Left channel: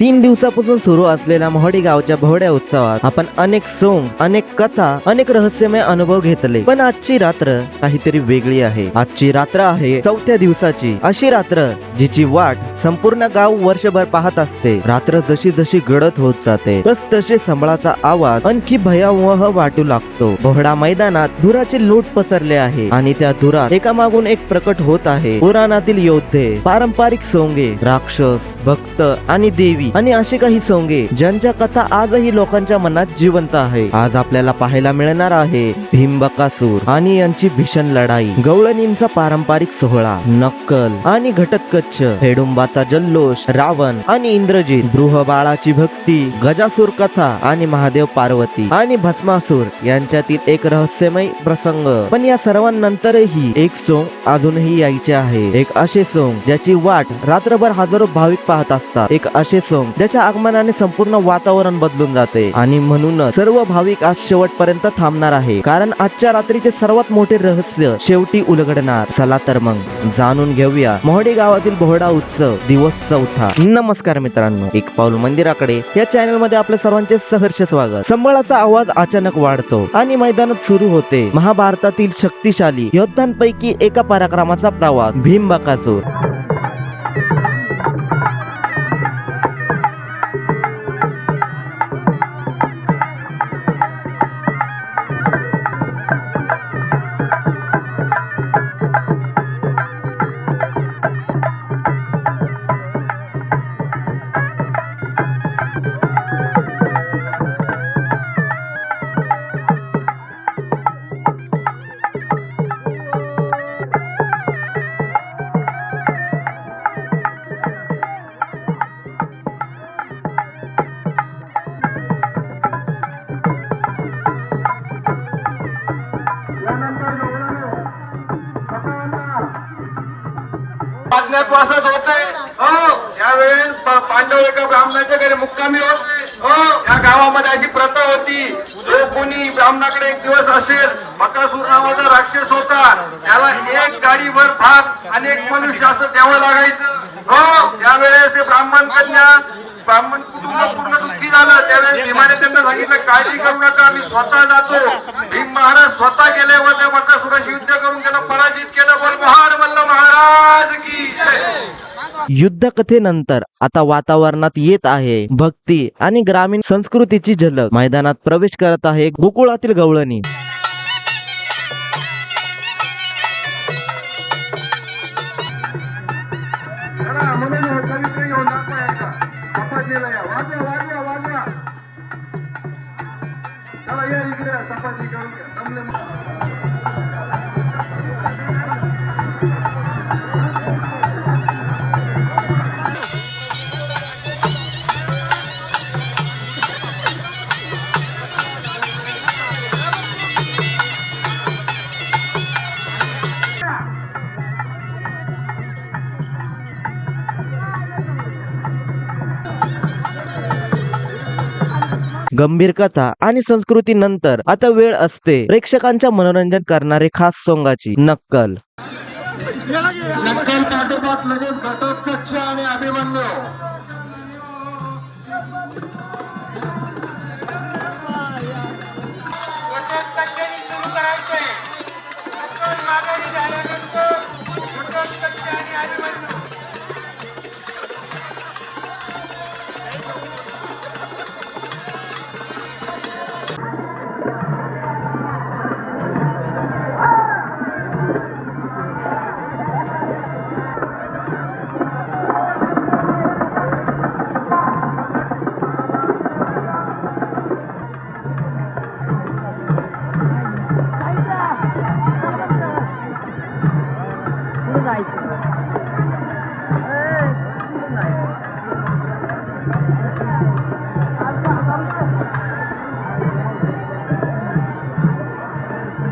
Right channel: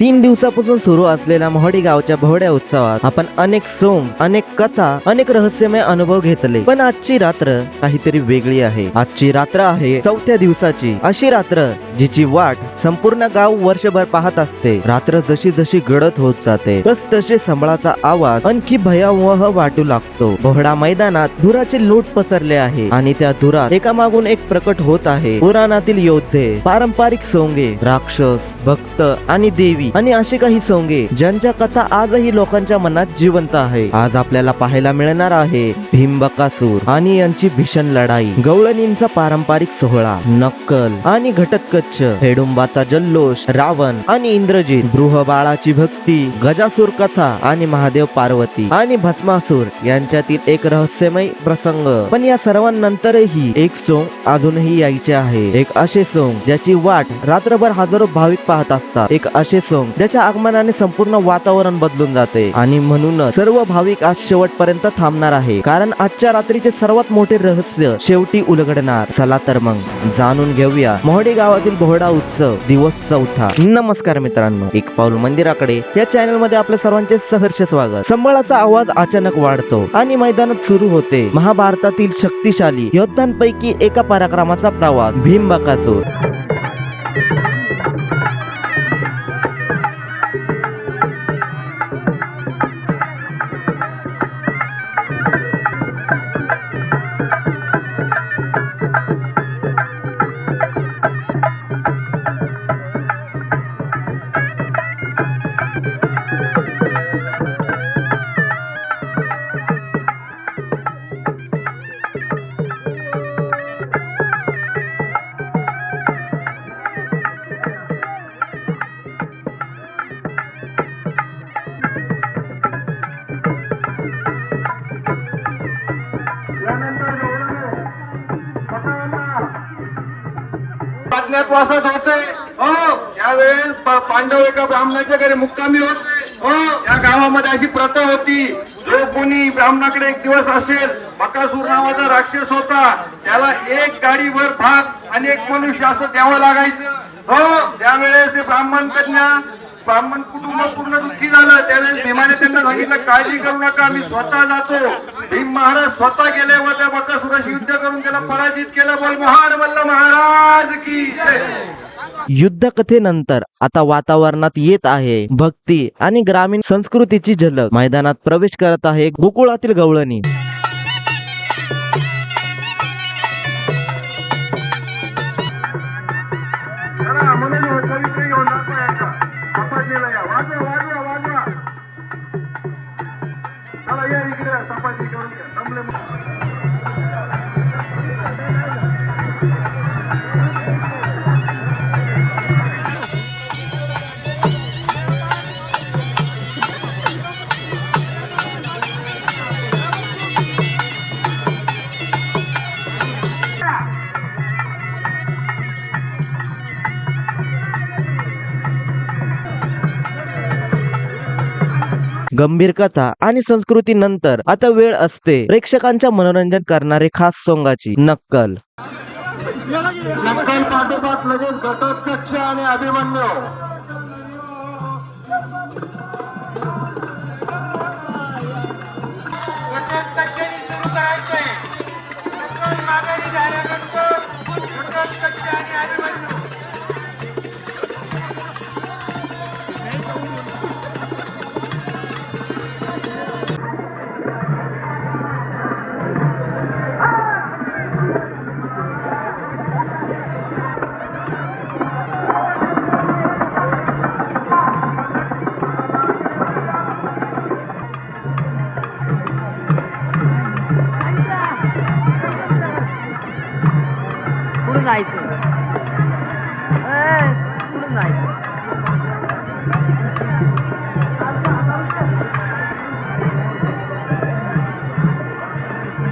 3 दिवसापासून सुरू असलेल्या मोहडी गावच्या भोवड्या उत्सवात आपण अनेक सोंग, अनेक कथा, अनेक रहस्यमय अनुभव घेतले. पण आजची रात्र काहीतरी वेगळी आहे. आजची रात्र आहे 4थ्या दिवसाची, अशी रात्र जिची वाट संपूर्ण गाव वर्षभर पाहत असते. रात्र जशी जशी गडद होत जाते तस तसे संबळाचा आवाज आणखी भयावह वाटू लागतो. भोवडा मैदानात धुराचे लूट पसरले आहे आणि त्या धुरात एकामागून एक प्रकट होत आहे. पुराणातील योद्धे, पारंपरिक सोंगे, राक्षस, भक्त आणि देवी आणि असे काही सोंगे ज्यांच्या कथा आजही लोकांच्या मनात जिवंत आहे. आज आपल्याला पाहायला मिळणार आहे भीमबकासूर आणि यांची भीषण लढाई, गवळणींचा पारंपरिक सोहळा, नक्कल आणि घटोत्कच, हेडुंबाचा जल्लोष, रावण आणि इंद्रजित, बृहबाळाची भक्ती, गजासूर कथा आणि महादेव पार्वती आणि भस्मासूर यांच्यातील एक रहस्यमय प्रसंग. पण या सर्वांनंतरही एक सोंग अजूनही यायचे आहे. एक असे सोंग ज्याची वाट रात्रभर हजारो भाविक पाहत असतात. एक असे सोंग ज्याच्या आगमनाने संपूर्ण वातावरण बदलून जाते आणि म्हणूनच सर्व भाविक आज शेवटपर्यंत थांबणार आहे, कारण आजच्या रात्रीचे सर्वात मोठे रहस्य शेवटी उलगडणार. चला तर मग जाणून घेऊया मोहडी गावातील भोवडा उत्सव दिवस 4था. नमस्कार मित्रांनो, एक पाऊल मंदिराकडे या चॅनल मध्ये आपल्या सर्वांचे सहर्ष स्वागत. संबळाचा आवाज अचानक वाढतो आणि मैदानात सुरू होते महाभारतातील शक्तिशाली योद्ध्यांपैकी एका पराक्रमाचा प्रवास, भीमबकासूर. वासत होते त्यावेळेस पांडव एका ब्राह्मणाच्या घरी मुक्कामी होते. या गावामध्ये अशी प्रथा होती, जो कोणी ब्राह्मणाकडे एक दिवस असेल, बकासूर नावाचा राक्षस होता, त्याला एक गाडीभर भात आणि एक मनुष्य असं द्यावं लागायचं. त्यावेळेस ते ब्राह्मण कुटुंब पूर्ण दुःखी झालं. त्यावेळेस भीमाने त्यांना सांगितलं, काळजी करू नका, मी स्वतः जातो. भीम महाराज स्वतः गेले व त्या बकासुराशी युद्ध करून त्याला पराजित केलं. बोल महार महाराज की जय. युद्ध कथेनंतर आता वातावरणात येत आहे भक्ती आणि ग्रामीण संस्कृतीची झलक. मैदानात प्रवेश करत आहे गोकुळातील गवळणी. म्हणून पवित्र घेऊन दाखवायचा तपासणीला या. वाजवा वाजवा वाजवा, चला या इकडे, तपासणी करून घ्या. जमले गंभीर कथा आणि संस्कृती नंतर आता वेळ असते प्रेक्षकांच्या मनोरंजन करणारे खास सोंगाची, नक्कल. नक्कल पाठोपाठ लगेच घटोत्कच आणि अभिमन्यू.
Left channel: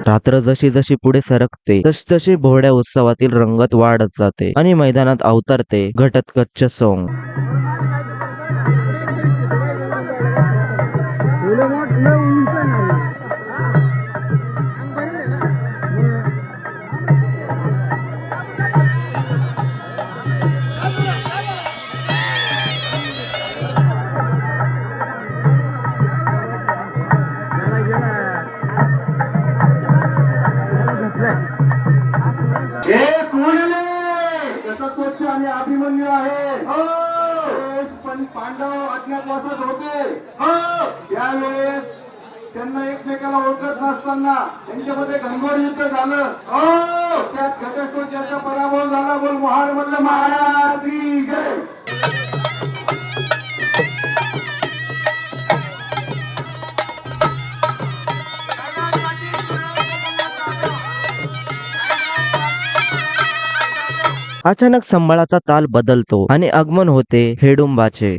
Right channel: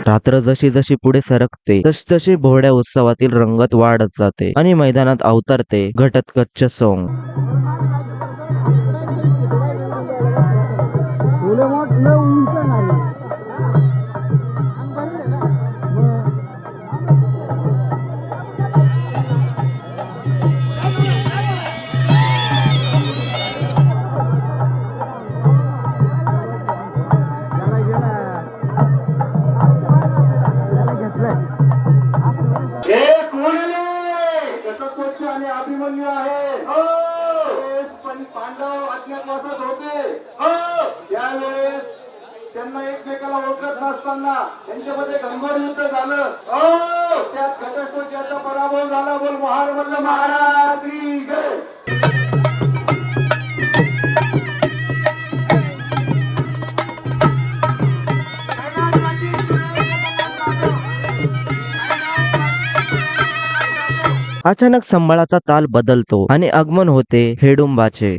रात्र जशी जशी पुढे सरकते तशी भोवड्या उत्सवातील रंगत वाढत जाते आणि मैदानात अवतरते घटोत्कच सोंग. पण पांडव अज्ञातवासात होते. हो त्यावेळेस त्यांना एकमेकाला ओळखत नसताना त्यांच्यामध्ये घनघोर युद्ध झालं. हो त्यात घटस्फोटाचा पराभव झाला. बोल महाराज महाराज की जय. अचानक संबळाचा ताल बदलतो आणि आगमन होते हेडुंबाचे.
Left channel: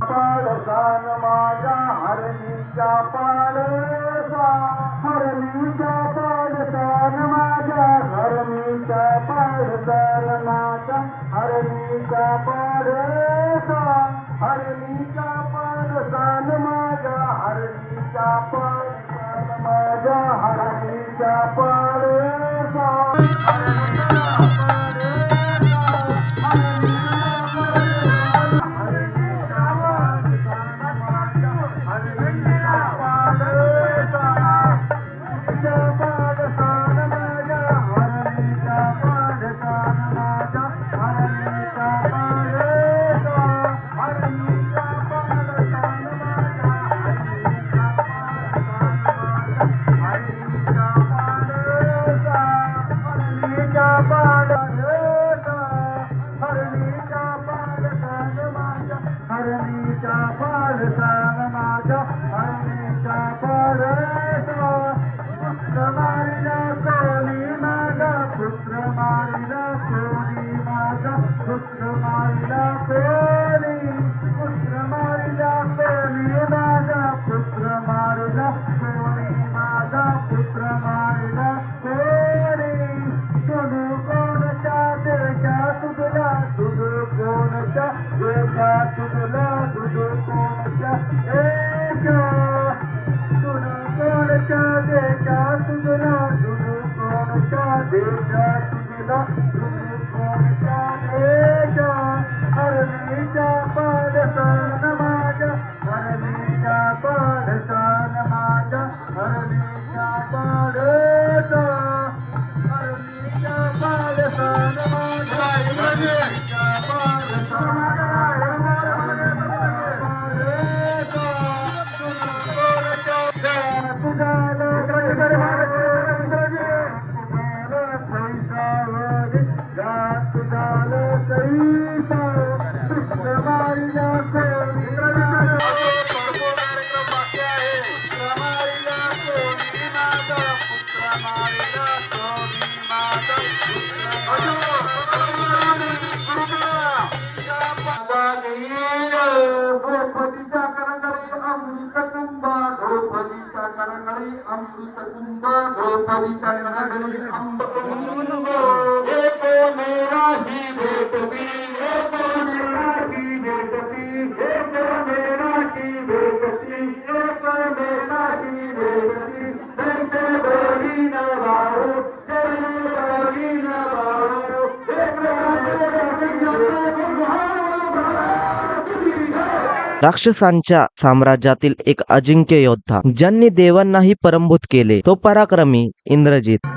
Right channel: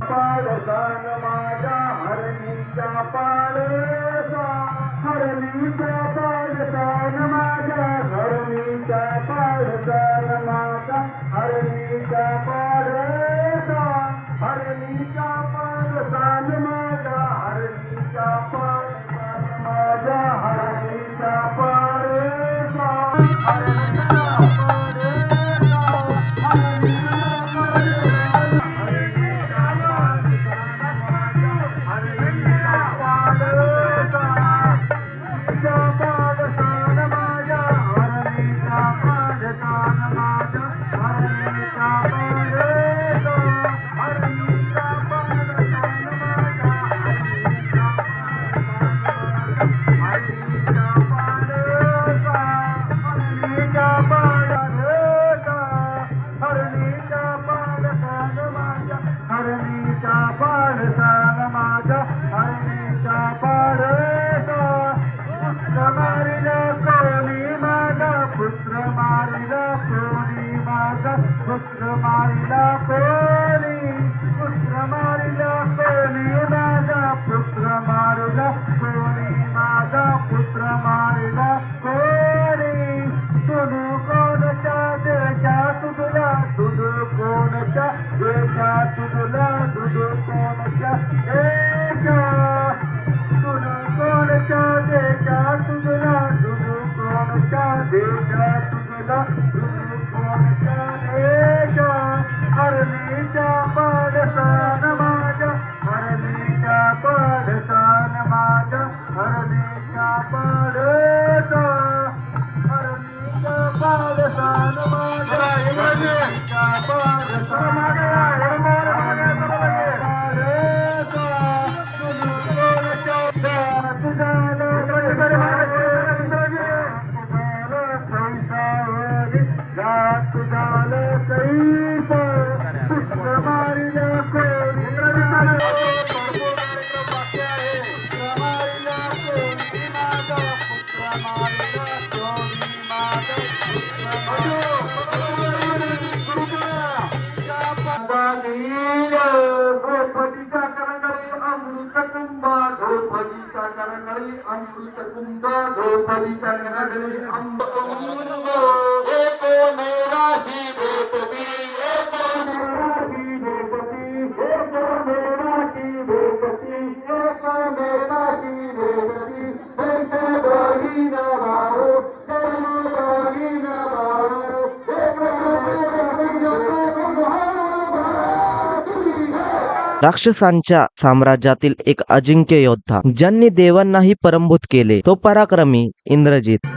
राक्षसांच्या साम्राज्यातील एक अजिंक्य योद्धा ज्यांनी देवांनाही पराभूत केले तो पराक्रमी इंद्रजित.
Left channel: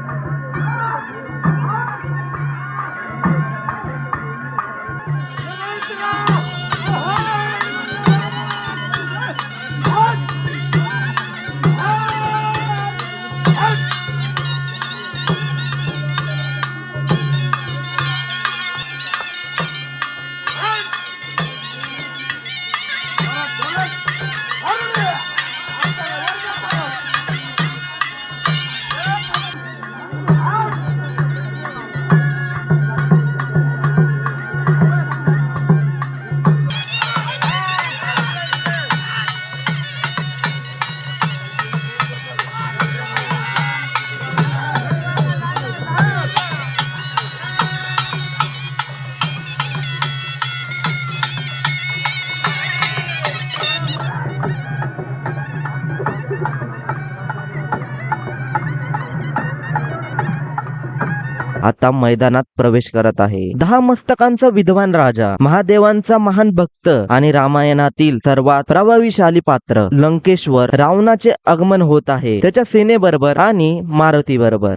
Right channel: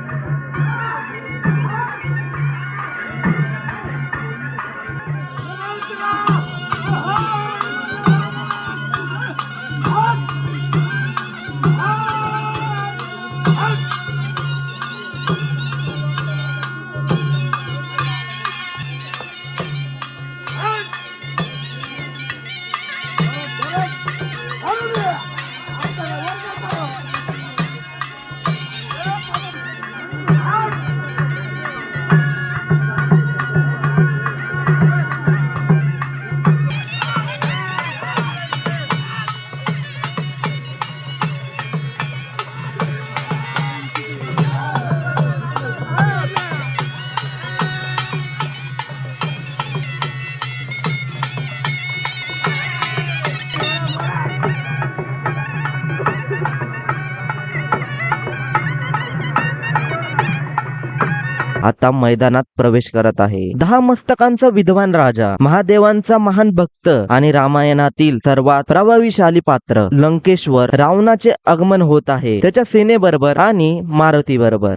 आता मैदानात प्रवेश करत आहे 10 मस्तकांचा विद्वान राजा, महादेवांचा महान भक्त आणि रामायणातील सर्वात प्रभावशाली पात्र लंकेश्वर रावणाचे आगमन होत आहे त्याच्या सेनेबरोबर आणि मारुती बरोबर.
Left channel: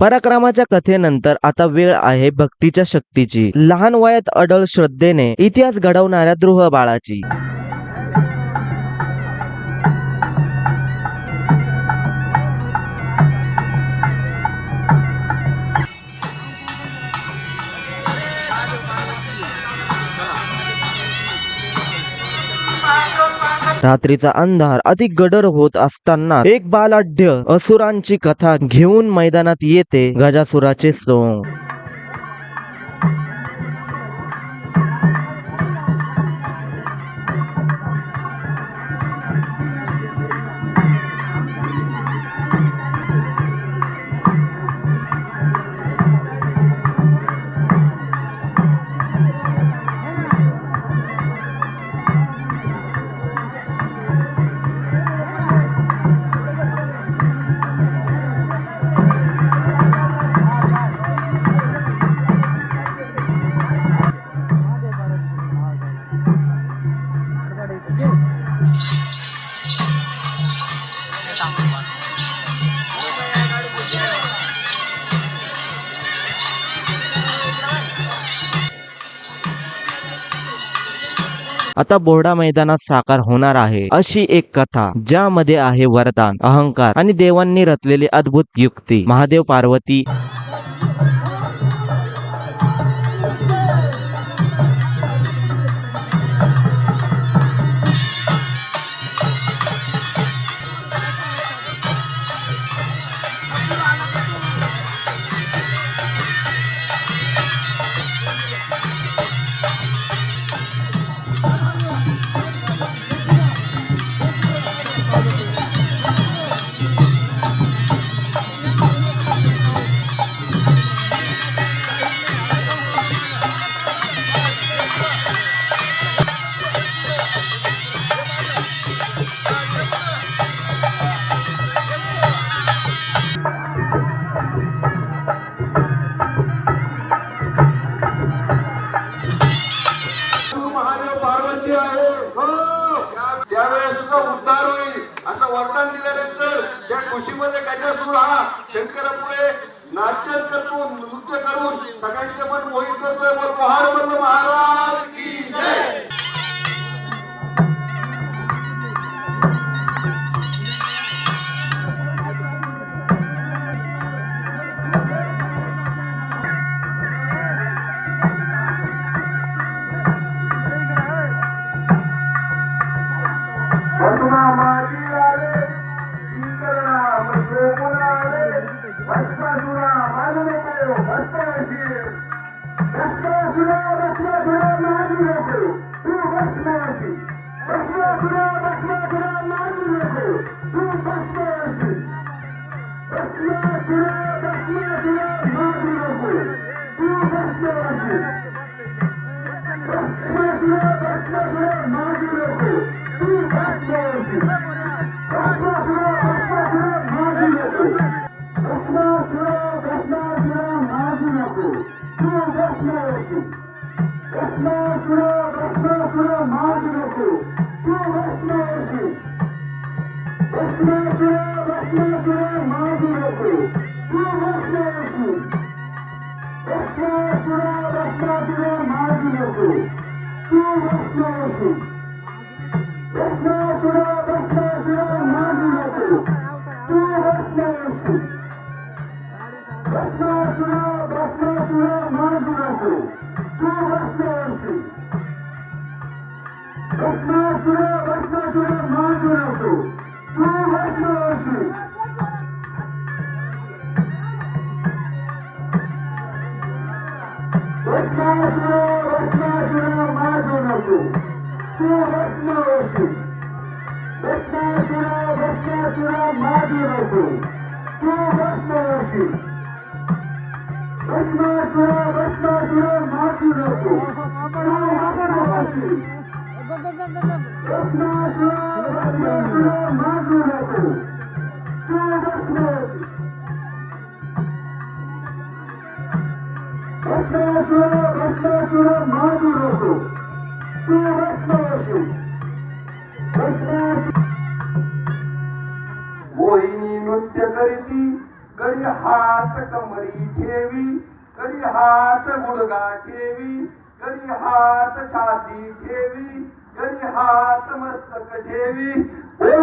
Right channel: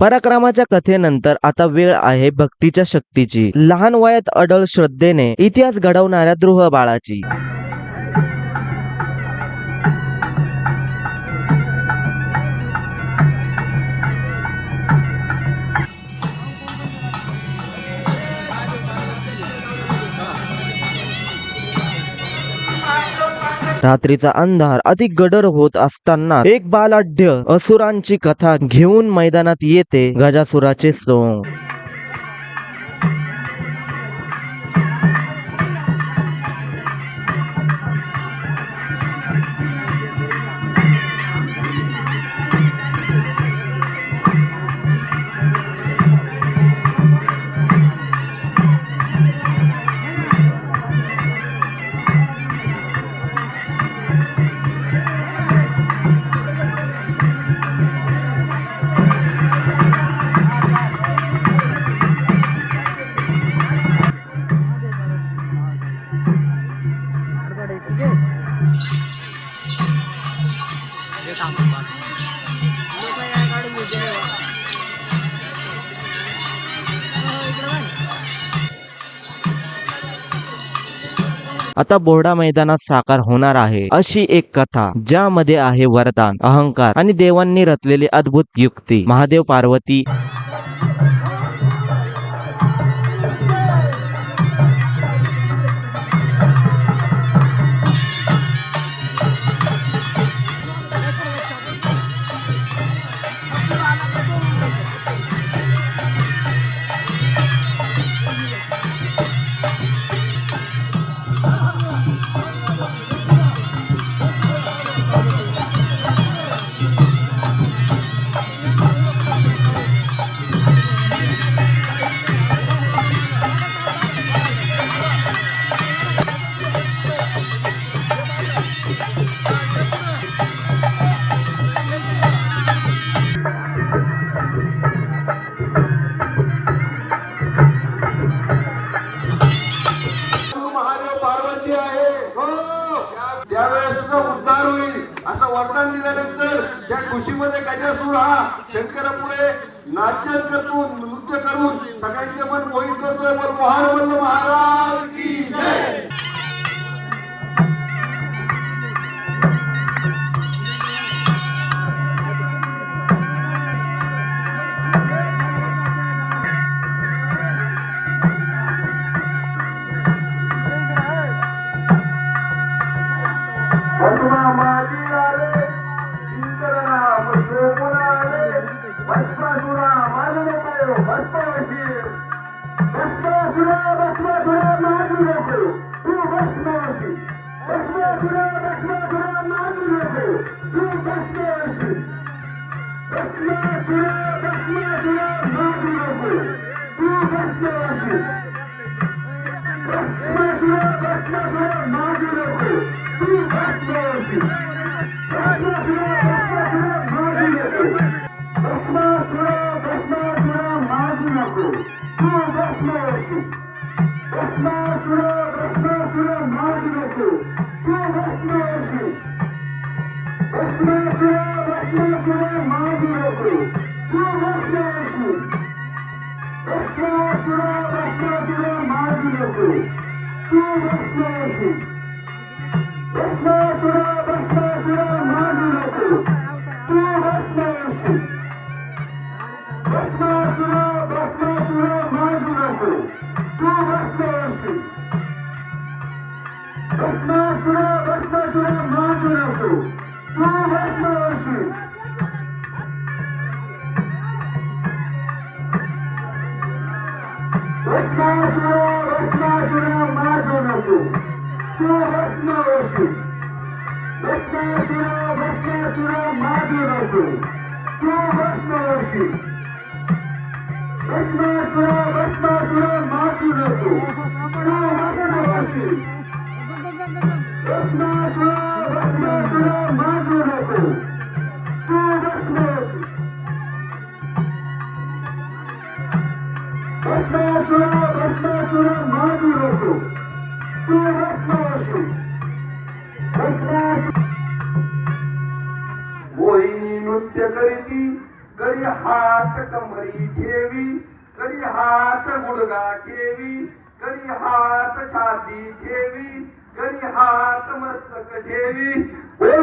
पराक्रमाच्या कथेनंतर आता वेळ आहे भक्तीच्या शक्तीची, लहान वयात अडळ श्रद्धेने इतिहास घडवणाऱ्या ध्रुव बाळाची. रात्रीचा अंधार अधिक गडर होत असताना एक बालाढ्य असुरांची कथा घेऊन मैदानात येते गजासुराचे सोंग. आता बोर्डा मैदानात साकार होणार आहे अशी एक कथा, ज्यामध्ये आहे वरदान, अहंकार आणि देवांनी रचलेली अद्भुत युक्ती. महादेव पार्वती शंकरापुढे नाचन करून नृत्य करून सगळ्यांचे पण मोहित करतोय. पहाड महाराज की जय. मोहिनी नृत्य करीती करी हात कमरी ठेवी, करी हात गुडगा ठेवी, करी हात छाती ठेवी, करी हात मस्तक ठेवी. बोल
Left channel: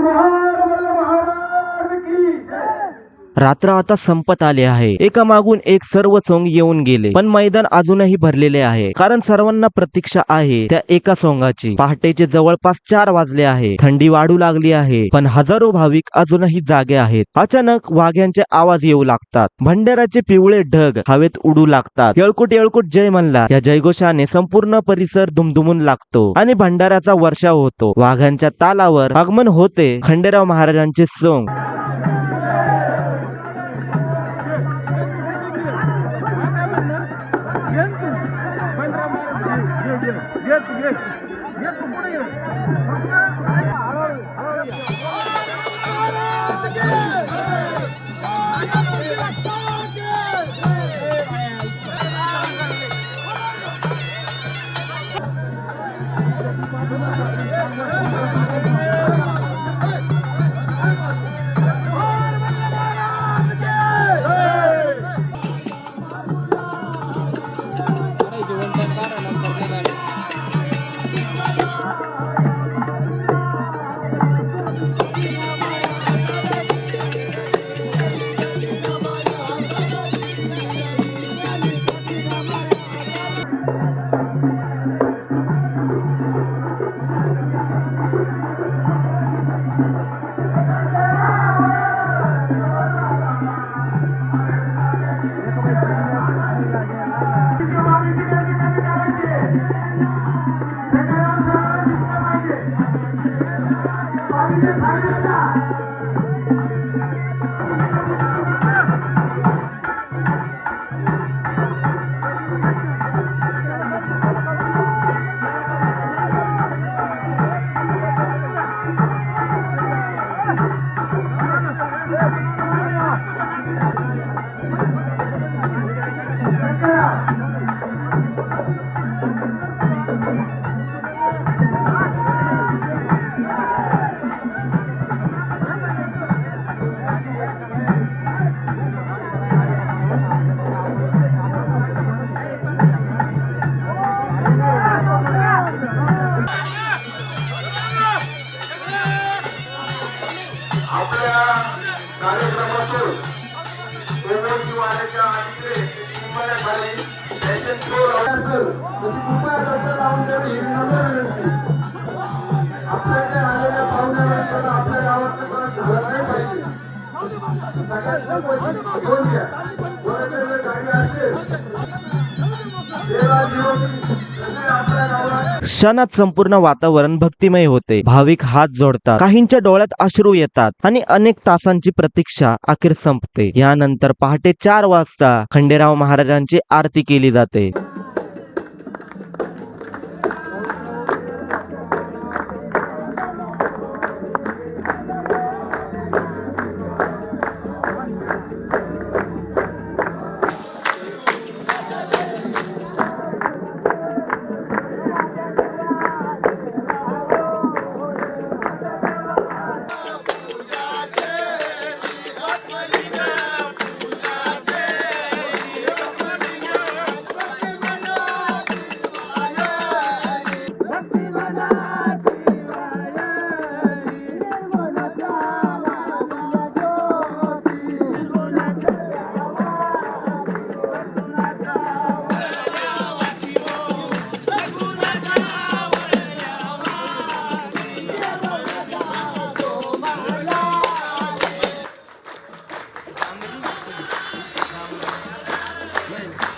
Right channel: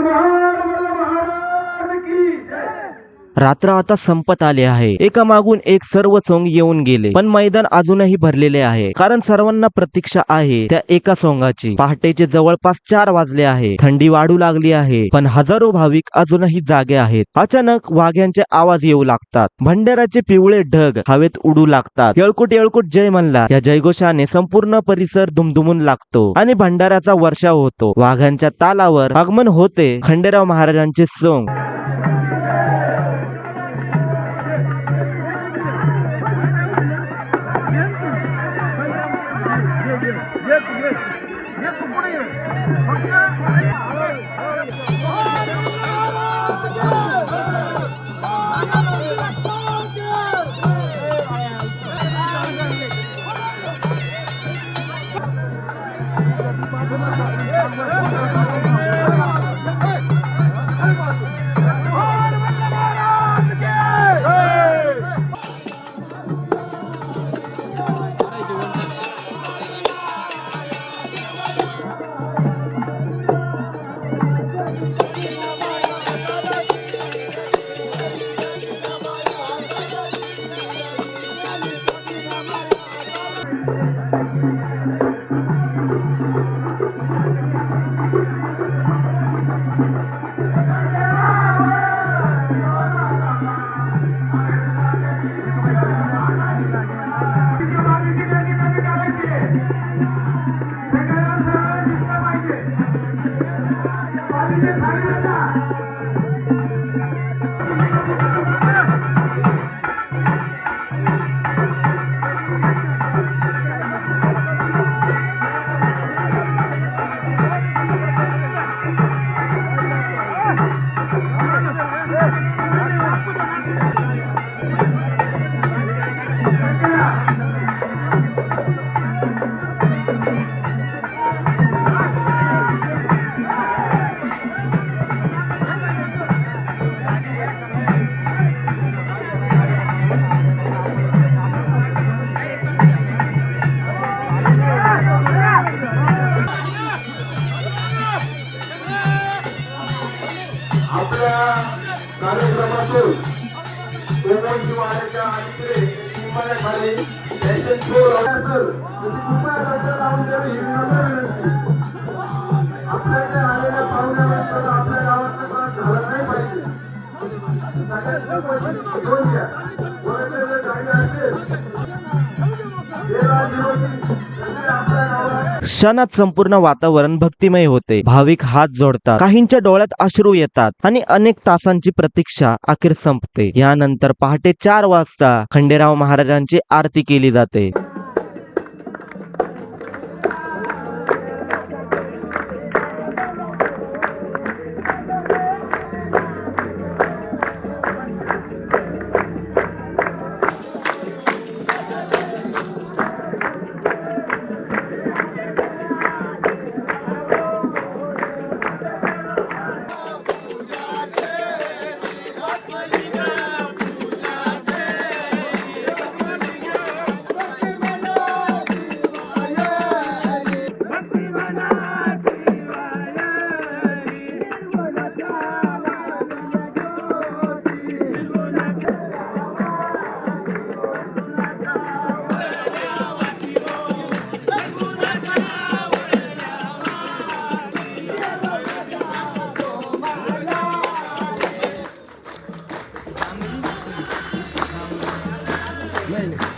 महाराज की जय. रात्र आता संपत आले आहे. एका मागून एक सर्व सोंग येऊन गेले, पण मैदान अजूनही भरलेले आहे, कारण सर्वांना प्रतीक्षा आहे त्या एका सोंगाची. पहाटेचे जवळपास 4 वाजले आहे. थंडी वाढू लागली आहे, पण हजारो भाविक अजूनही जागे आहेत. अचानक वाघ्यांचे आवाज येऊ लागतात. भंडाराचे पिवळे ढग हवेत उडू लागतात. येळकुट येळकुट जय म्हणला या जयघोषाने संपूर्ण परिसर दुमदुमून लागतो आणि भंडाराचा वर्षाव होतो. वाघांच्या तालावर आगमन होते खंडेराव महाराजांचे सोंग. आपल्या कार्यक्रमातून सोमवारची वाड्याच्या अलीकडे निंबाळ्या खाली फॅशन शो लावण्याचं आपल्याकडे आलेल्या पाहुण्याबद्दल आपल्या गावात झालं नाही पाहिजे. सगळ्यांचं पैसे घेऊन घ्या. कोणाकडे गाडी असेल आपल्या गावाला क्षणात संपूर्ण वातावरण भक्तिमय होते. भाविक हात जोडतात, काहींच्या डोळ्यात अश्रू येतात आणि अनेक तासांची प्रतीक्षा अखेर संपते. यानंतर पहाटे 4 वाजता खंडेराव महाराजांची आरती केली जाते.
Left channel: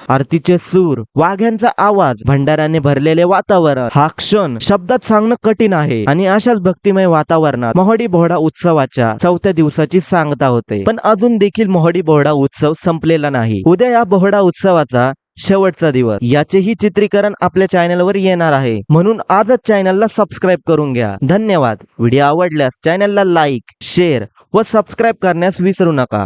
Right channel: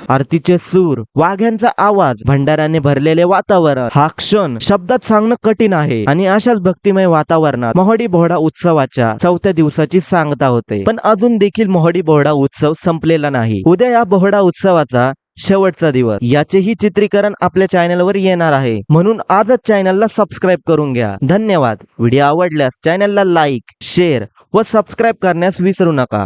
आरतीचे सूर, वाघ्यांचा आवाज, भंडाऱ्याने भरलेले वातावरण, हा क्षण शब्दात सांगणं कठीण आहे. आणि अशाच भक्तिमय वातावरणात मोहडी बोहडा उत्सवाच्या 4थ्या दिवसाची सांगता होते. पण अजून देखील मोहडी बोहडा उत्सव संपलेला नाही. उद्या या बोहडा उत्सवाचा शेवटचा दिवस. याचेही चित्रीकरण आपल्या चॅनलवर येणार आहे, म्हणून आजच चॅनलला सबस्क्राईब करून घ्या. धन्यवाद. व्हिडिओ आवडल्यास चॅनलला लाईक, शेअर व सबस्क्राईब करण्यास विसरू नका.